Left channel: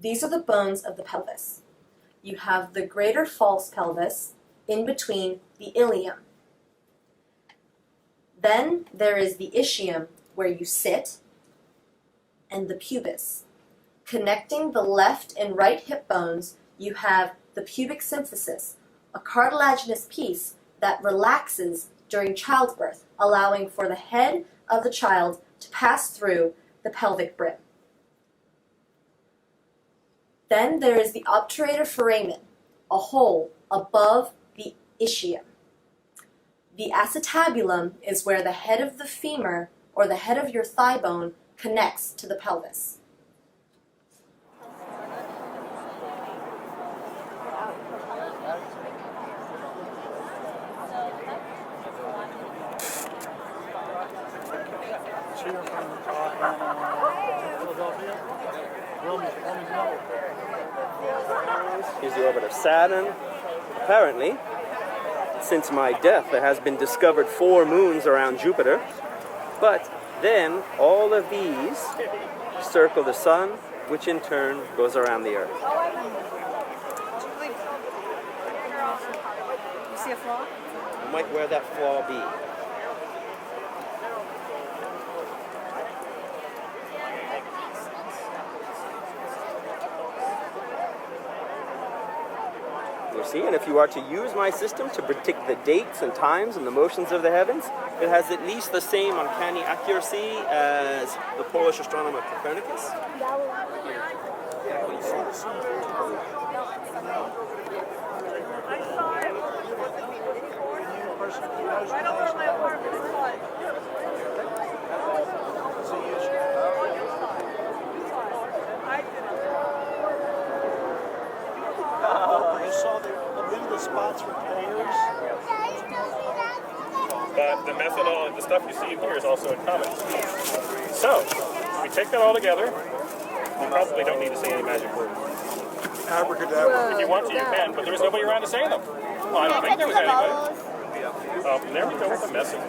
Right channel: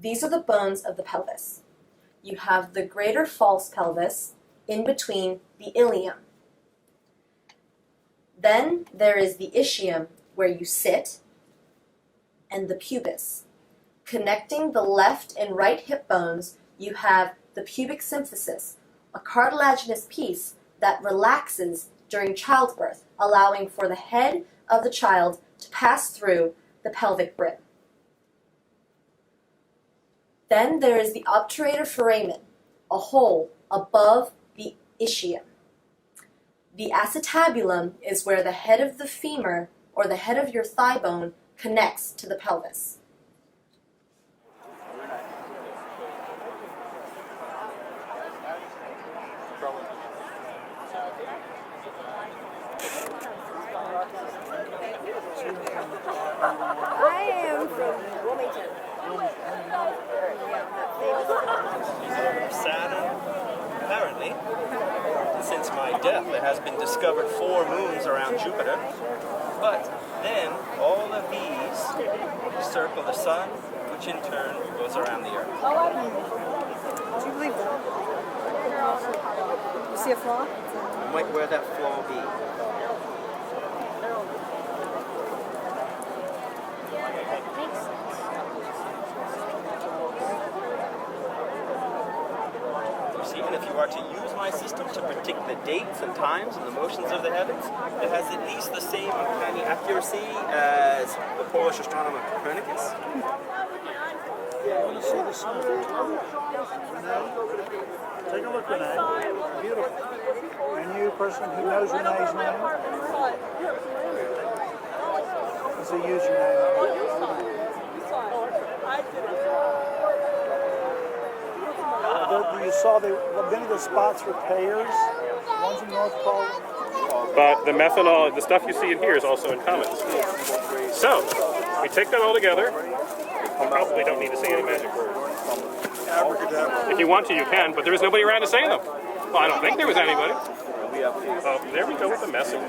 These are the bones of the pelvis. You have the greater false pelvis in between the ilium. Then there is the ischium, where you sit, and the pubis. Connecting the left and right hip bones, you have the pubic symphysis, a cartilaginous piece that relaxes during childbirth, allowing for the head of the child to pass through the pelvic brim. Then there is the obturator foramen, a hole above the ischium. The acetabulum is where the head of the femur, or the head of your thigh bone, connects to the pelvis. So you're from I am Philadelphia? from Wilmington. Wilmington, Delaware. Yeah, on that famous island. Is the orbit of Saturn. Apparently, since my death, there has been discovered 4 moons around Jupiter. But then all of these circle the sun, which in turn goes around the Earth. You see a flaw? And might where that flaw be? You see, and if you are to use my system to predict the dates and times and the motions of the heavens, it has at least the same uncanny accuracy as the Polish astronomer Copernicus. You want to see the sun? Take a look. Renee? Take a look, Renee. Beautiful. Oh, that is beautiful. And you, person who knows Renee's name? It's a username. You saw many of the spots with pairs. One's in North Pole. But the methanol, the stuff you see in here is also in comets. So, we take that all together. We probably don't need to say any magic words. Abracadabra. If you want to, you can, but there was nobody around to say them. Well, I don't think there was anybody. Oh, there we go with the mess again.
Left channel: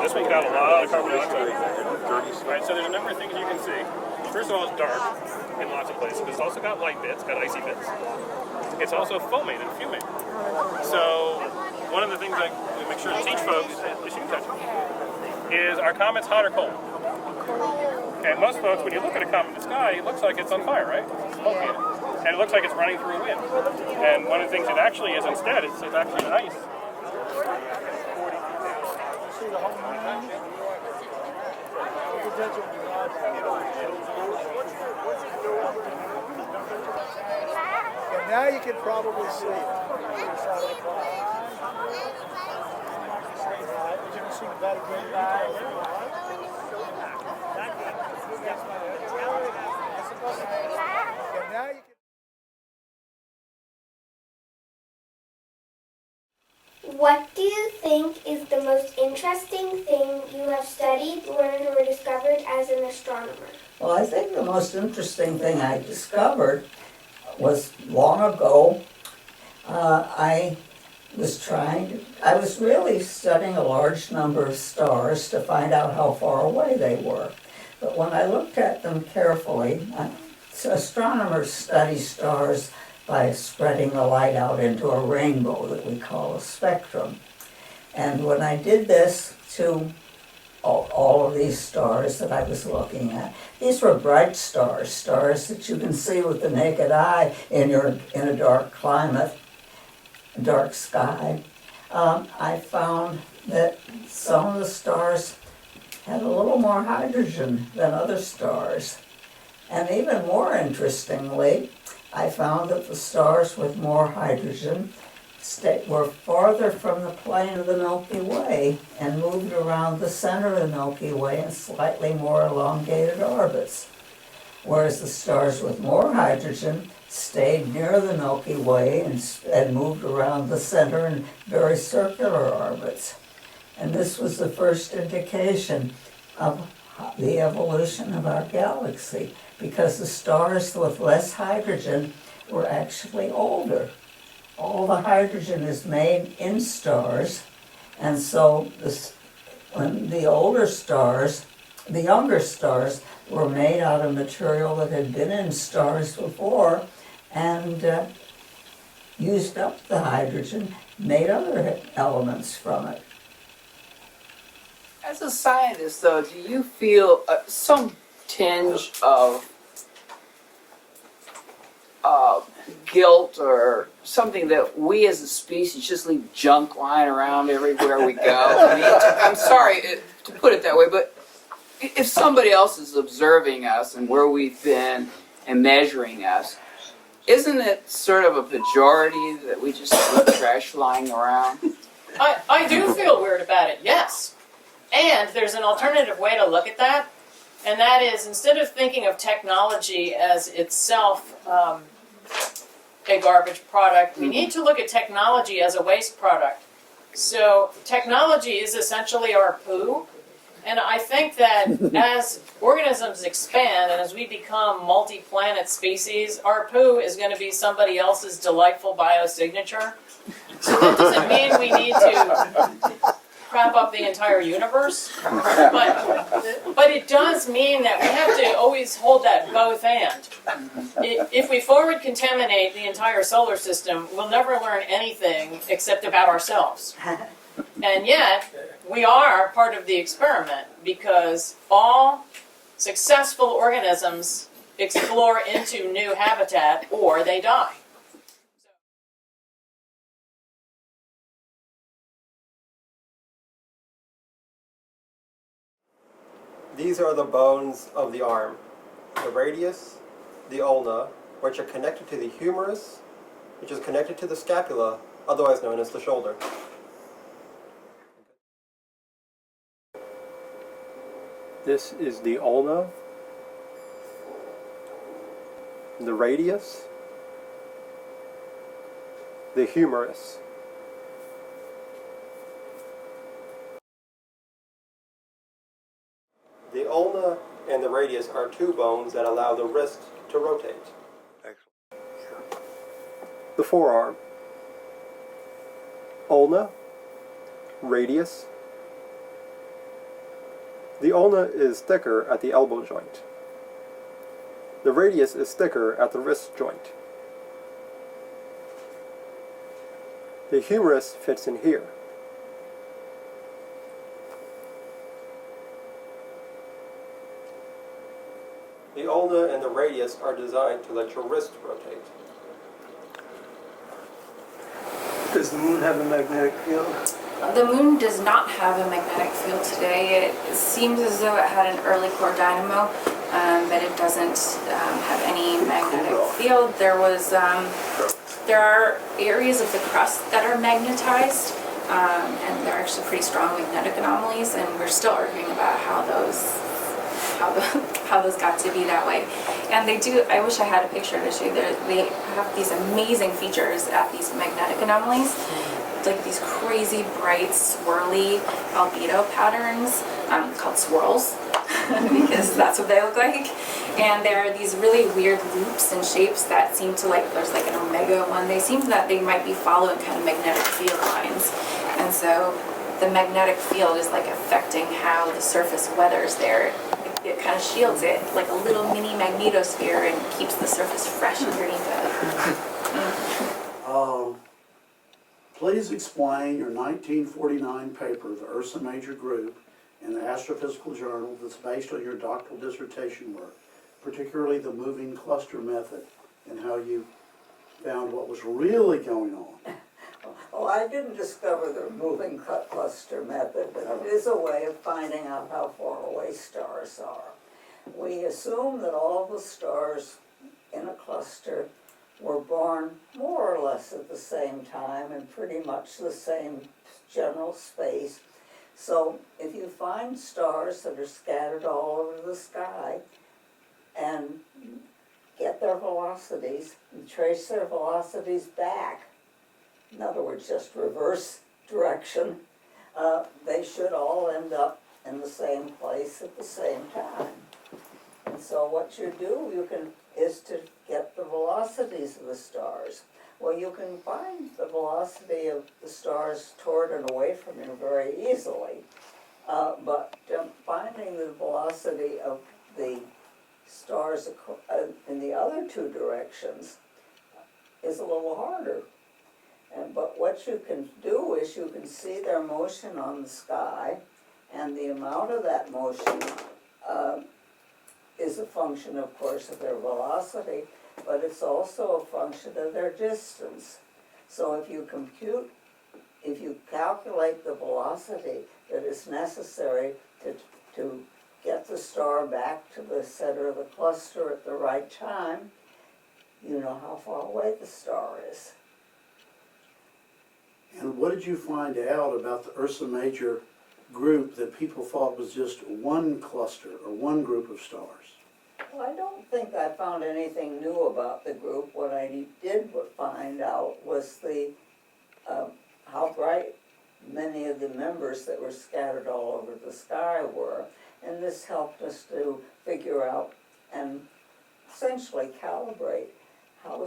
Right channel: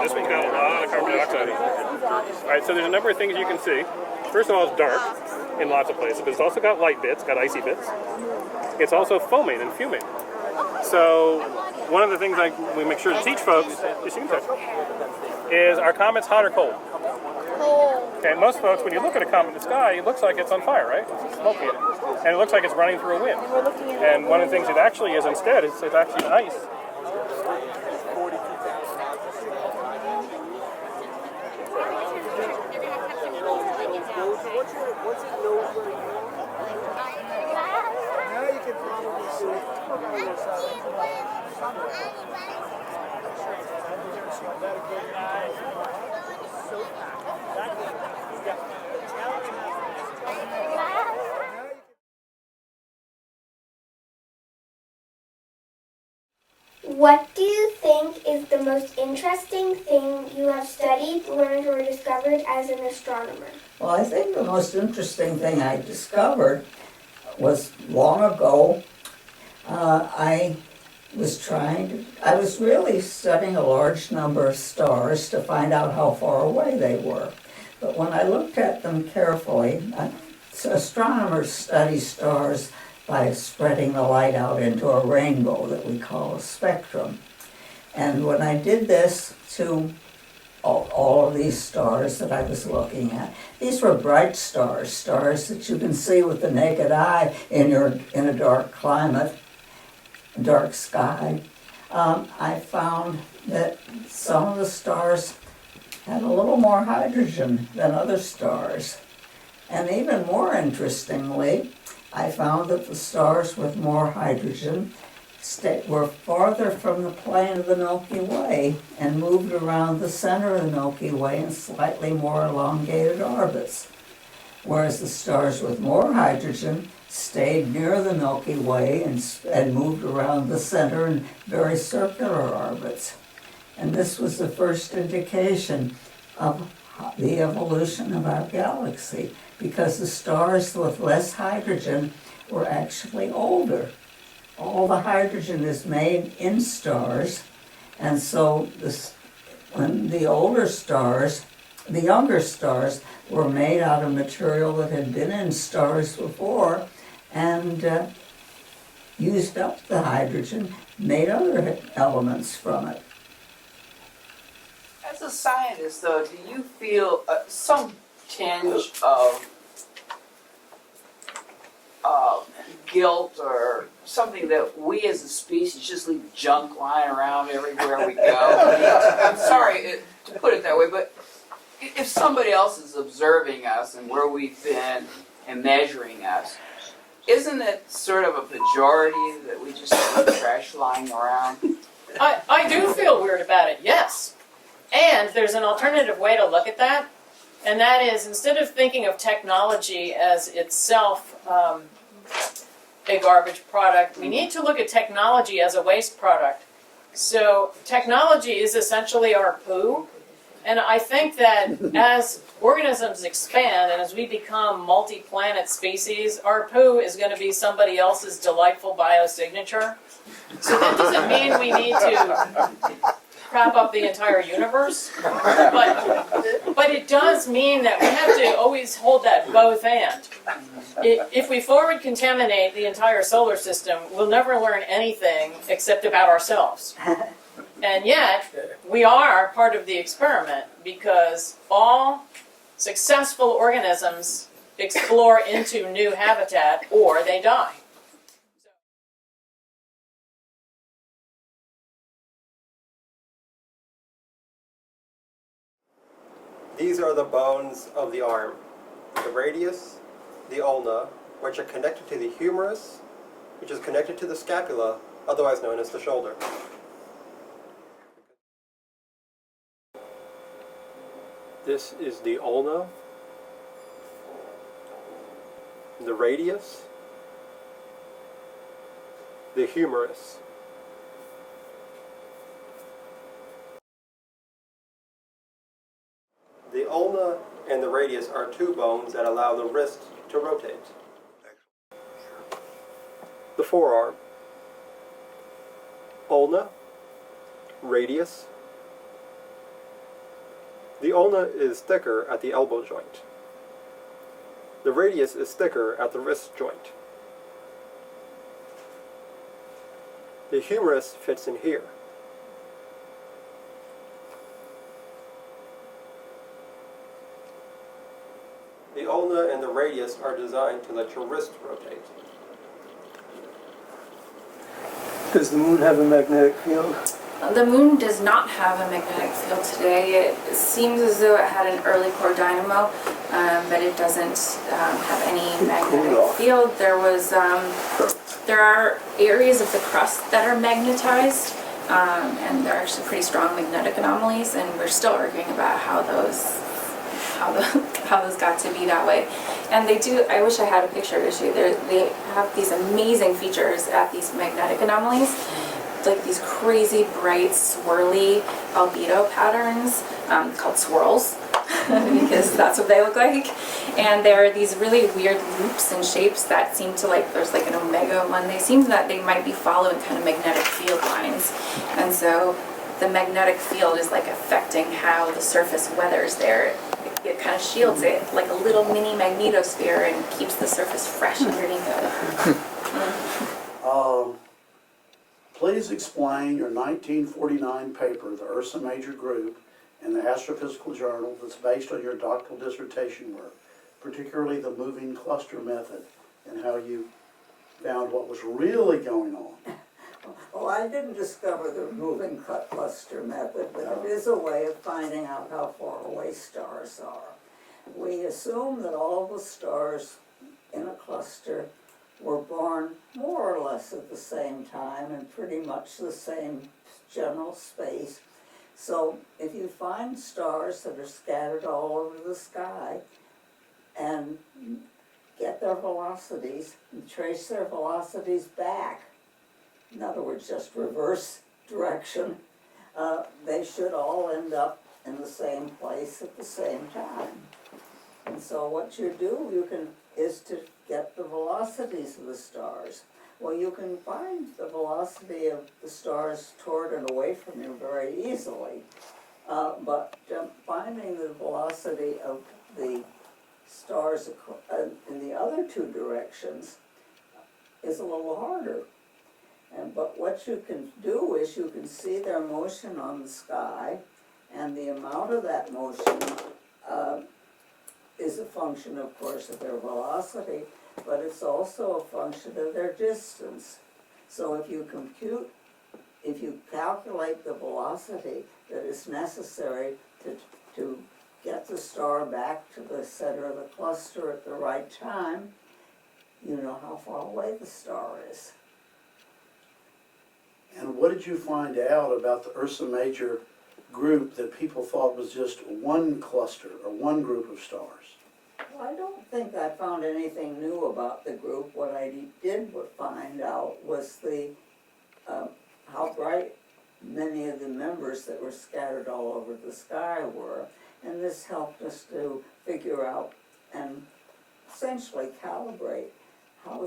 This one's got a lot of carbon dioxide in it. All right, so there's a number of things you can see. First of all, it's dark in lots of places, but it's also got light bits, got icy bits. It's also foaming and fuming. So one of the things we make sure to teach folks is our comet's hot or cold? Cold. And most folks, when you look at a comet in the sky, it looks like it's on fire, right? It's smoky. And it looks like it's running through a wind. And one of the things it actually is instead is it's actually ice. You see the whole moon? You can touch it with your eyeball. And now you can probably see it. Just out of the cloud. Right, but you can see about a greater detail there, right? And now you can. What do you think is the most interesting thing you have studied, learned, or discovered as an astronomer? Well, I think the most interesting thing I discovered was long ago. I was really studying a large number of stars to find out how far away they were. But when I looked at them carefully, astronomers study stars by spreading the light out into a rainbow that we call a spectrum. And when I did this to all of these stars that I was looking at, these were bright stars, stars that you can see with the naked eye in a dark climate, dark sky. I found that some of the stars had a little more hydrogen than other stars. And even more interestingly, I found that the stars with more hydrogen were farther from the plane of the Milky Way and moved around the center of the Milky Way in slightly more elongated orbits, whereas the stars with more hydrogen stayed near the Milky Way and moved around the center in very circular orbits. And this was the first indication of the evolution of our galaxy, because the stars with less hydrogen were actually older. All the hydrogen is made in stars, and so when the older stars the younger stars were made out of material that had been in stars before and used up the hydrogen, made other elements from it. As a scientist, though, do you feel some tinge of guilt or something that we as a species just leave junk lying around everywhere we go? I mean, I'm sorry to put it that way, but if somebody else is observing us and where we've been and measuring us, isn't it sort of a pejorative that we just leave trash lying around? I do feel weird about it, yes. And there's an alternative way to look at that, and that is instead of thinking of technology as itself a garbage product, we need to look at technology as a waste product. So technology is essentially our poo, and I think that as organisms expand and as we become multi-planet species, our poo is going to be somebody else's delightful biosignature. So that doesn't mean we need to crap up the entire universe, but it does mean that we have to always hold that both and. If we forward contaminate the entire solar system, we'll never learn anything except about ourselves. And yet, we are part of the experiment because all successful organisms explore into new habitat or they die. These are the bones of the arm, the radius, the ulna, which are connected to the humerus, which is connected to the scapula, otherwise known as the shoulder. This is the ulna, the radius, the humerus. The ulna and the radius are two bones that allow the wrist to rotate. The forearm. Ulna, radius. The ulna is thicker at the elbow joint. The radius is thicker at the wrist joint. The humerus fits in here. The ulna and the radius are designed to let your wrist rotate. Does the moon have a magnetic field? The moon does not have a magnetic field today. It seems as though it had an early core dynamo, but it doesn't have any magnetic field. There are areas of the crust that are magnetized, and they're actually pretty strong magnetic anomalies, and we're still arguing about how those got to be that way. And they do, I wish I had a picture to show you. They have these amazing features at these magnetic anomalies, like these crazy bright swirly albedo patterns called swirls because that's what they look like. And there are these really weird loops and shapes that seem to, like, there's like an omega one. They seem that they might be following kind of magnetic field lines. And so the magnetic field is like affecting how the surface weathers there. It kind of shields it like a little mini magnetosphere and keeps the surface fresh underneath it. Yeah. Please explain your 1949 paper, The Ursa Major Group, in the Astrophysical Journal that's based on your doctoral dissertation work, particularly the moving cluster method and how you found what was really going on. Well, I didn't discover the moving cluster method, but it is a way of finding out how far away stars are. We assume that all the stars in a cluster were born more or less at the same time in pretty much the same general space. So if you find stars that are scattered all over the sky and get their velocities and trace their velocities back, in other words, just reverse direction, they should all end up in the same place at the same time. And so what you do, is to get the velocities of the stars. Well, you can find the velocity of the stars toward and away from you very easily. but finding the velocity of the stars in the other two directions is a little harder. But what you can do is you can see their motion on the sky, and the amount of that motion is a function, of course, of their velocity, but it's also a function of their distance. So if you calculate the velocity that is necessary to get the star back to the center of the cluster at the right time, you know how far away the star is. And what did you find out about the Ursa Major group that people thought was just one cluster or one group of stars? Well, I don't think I found anything new about the group. What I did find out was how bright many of the members that were scattered all over the sky were. And this helped us to figure out and essentially calibrate how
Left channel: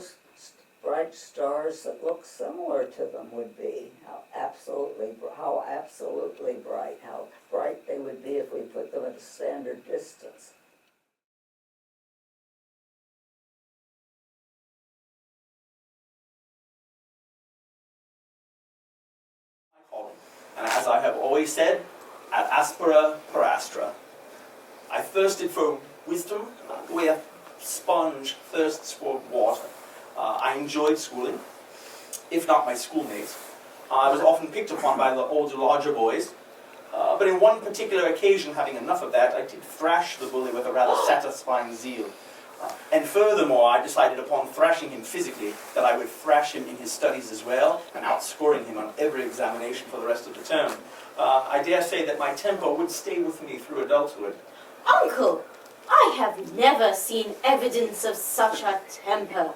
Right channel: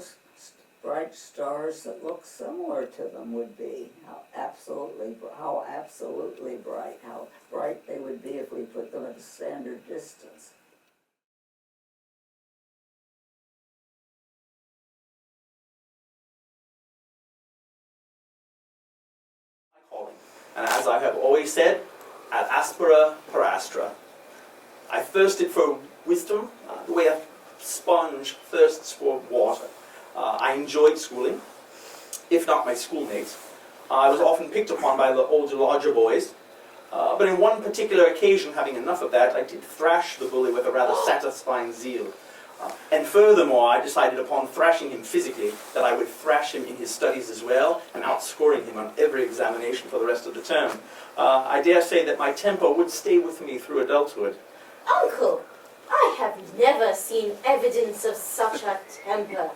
bright stars that look similar to them would be, how absolutely bright, how bright they would be if we put them at a standard distance. Calling. And as I have always said, ad aspera per astra. I thirsted for wisdom the way a sponge thirsts for water. I enjoyed schooling, if not my schoolmates. I was often picked upon by the older, larger boys. But in one particular occasion, having enough of that, I did thrash the bully with a rather satisfying zeal. And furthermore, I decided upon thrashing him physically, that I would thrash him in his studies as well, and outscoring him on every examination for the rest of the term. I dare say that my temper would stay with me through adulthood. Uncle, I have never seen evidence of such a temper.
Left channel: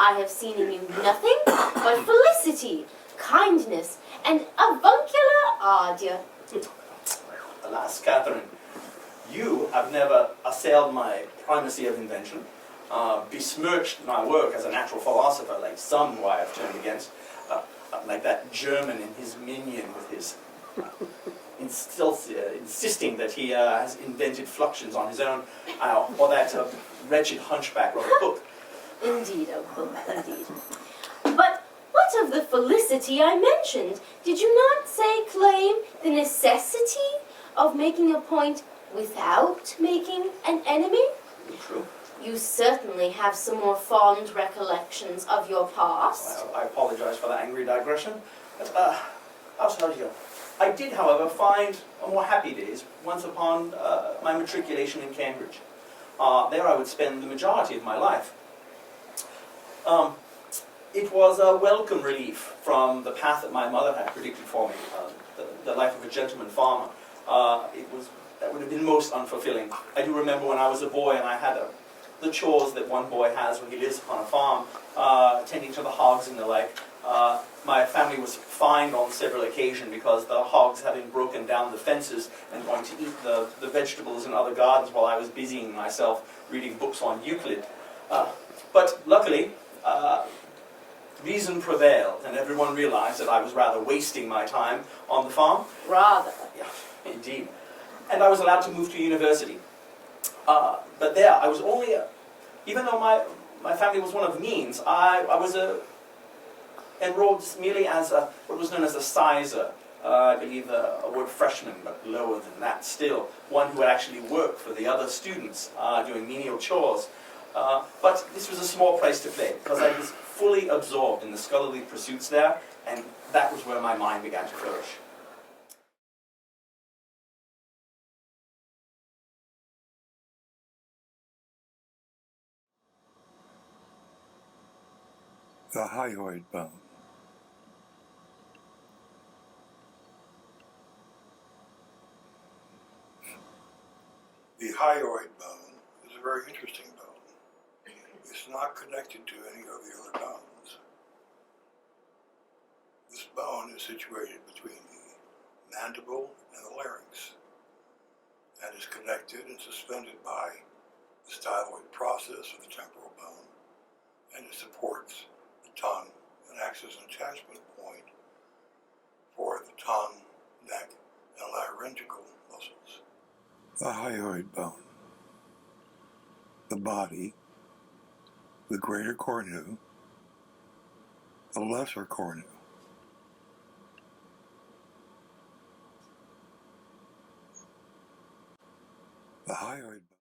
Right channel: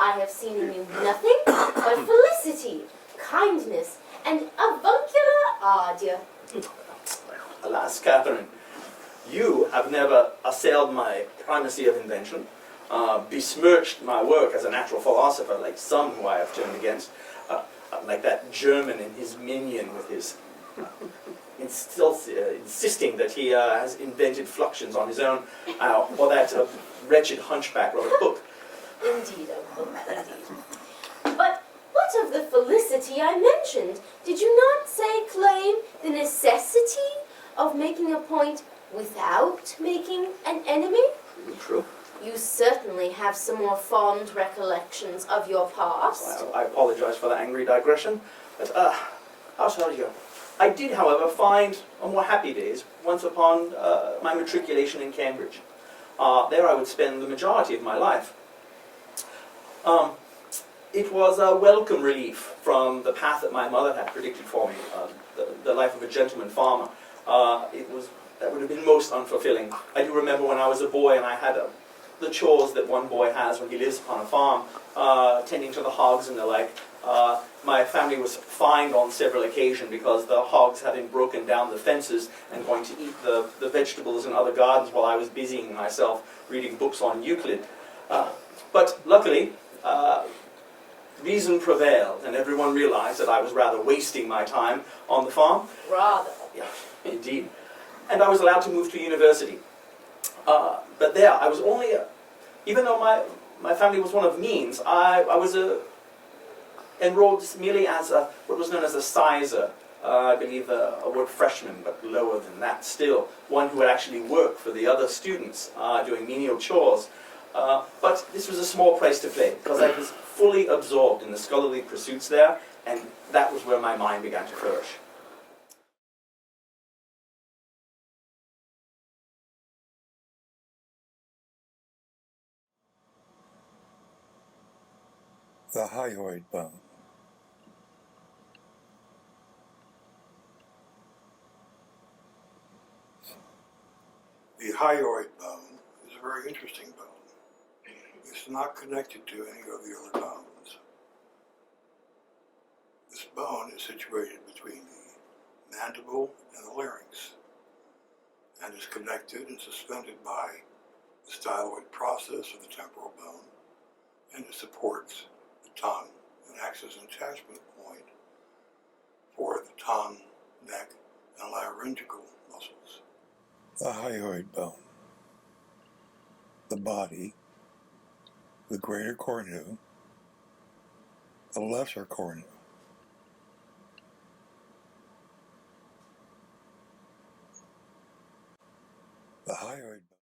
I have seen in you nothing but felicity, kindness, and avuncular ardour. Alas, Catherine, you have never assailed my primacy of invention, besmirched my work as a natural philosopher like some who I have turned against, like that German and his minion with his insisting that he has invented fluxions on his own, or that wretched hunchback Robert Hooke. Indeed, Uncle, indeed. But what of the felicity I mentioned? Did you not claim the necessity of making a point without making an enemy? True. You certainly have some more fond recollections of your past. I apologize for that angry digression, but I'll tell you. I did, however, find more happy days once upon my matriculation in Cambridge. There I would spend the majority of my life. It was a welcome relief from the path that my mother had predicted for me, the life of a gentleman farmer. That would have been most unfulfilling. I do remember when I was a boy and I had the chores that one boy has when he lives upon a farm, tending to the hogs and the like. My family was fined on several occasions because the hogs having broken down the fences and going to eat the vegetables in other gardens while I was busying myself reading books on Euclid. But luckily, reason prevailed, and everyone realized that I was rather wasting my time on the farm. Rather. Yeah, indeed. And I was allowed to move to university. But there, I was only, even though my family was one of means, I was enrolled merely as what was known as a sizer. I believe a word freshman, but lower than that still. One who would actually work for the other students doing menial chores. But this was a small price to pay, because I was fully absorbed in the scholarly pursuits there, and that was where my mind began to flourish. The hyoid bone. The hyoid bone is a very interesting bone. It's not connected to any of the other bones. This bone is situated between the mandible and the larynx and is connected and suspended by the styloid process of the temporal bone, and it supports the tongue and acts as an attachment point for the tongue, neck, and laryngeal The hyoid bone. The body, the greater cornu, the lesser cornu. The hyoid bone.